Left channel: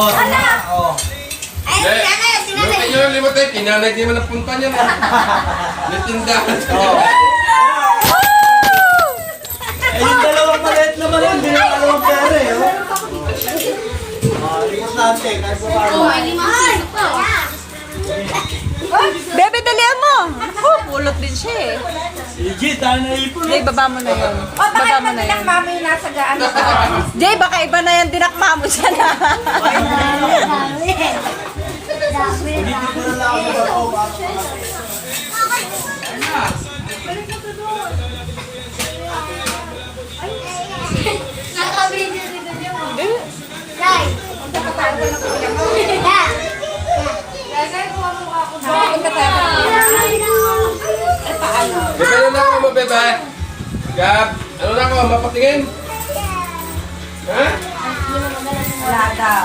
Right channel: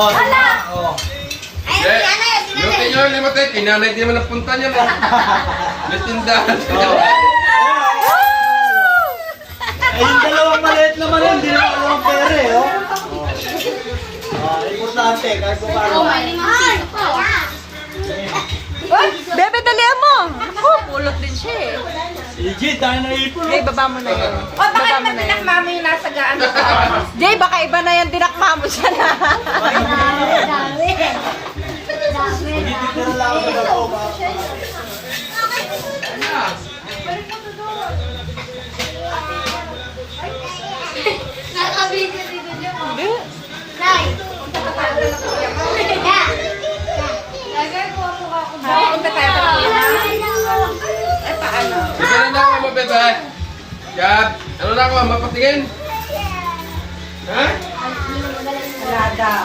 Oh, diba? Oh. Ay, Yung kayo limot eh, kinanay di naman napunta niya na. May tindahan. Ay, yung dalawang maliit naman yun, hindi na dalawang pera eh, oh. Importante, kahit po paano. Bebe, dalihan mo. Ako, pulot din siya eh. Legit, tayo na ipon. Jay, baba mo na yun. O, baka Baba mo naman na yan. tinakma mo yung nasa ano ko. Jay, baka iba na yan dinakma mo siya na. Hindi na lang ako nag-ako. Nakabidyo dito niyo mo. Nay! Lagay ko ako ba? Punta tayo pa. Eh, paano? Bebe na lang ako mo, bebe. Gab, ano na ako, mapatingin? Ha? Wala daw.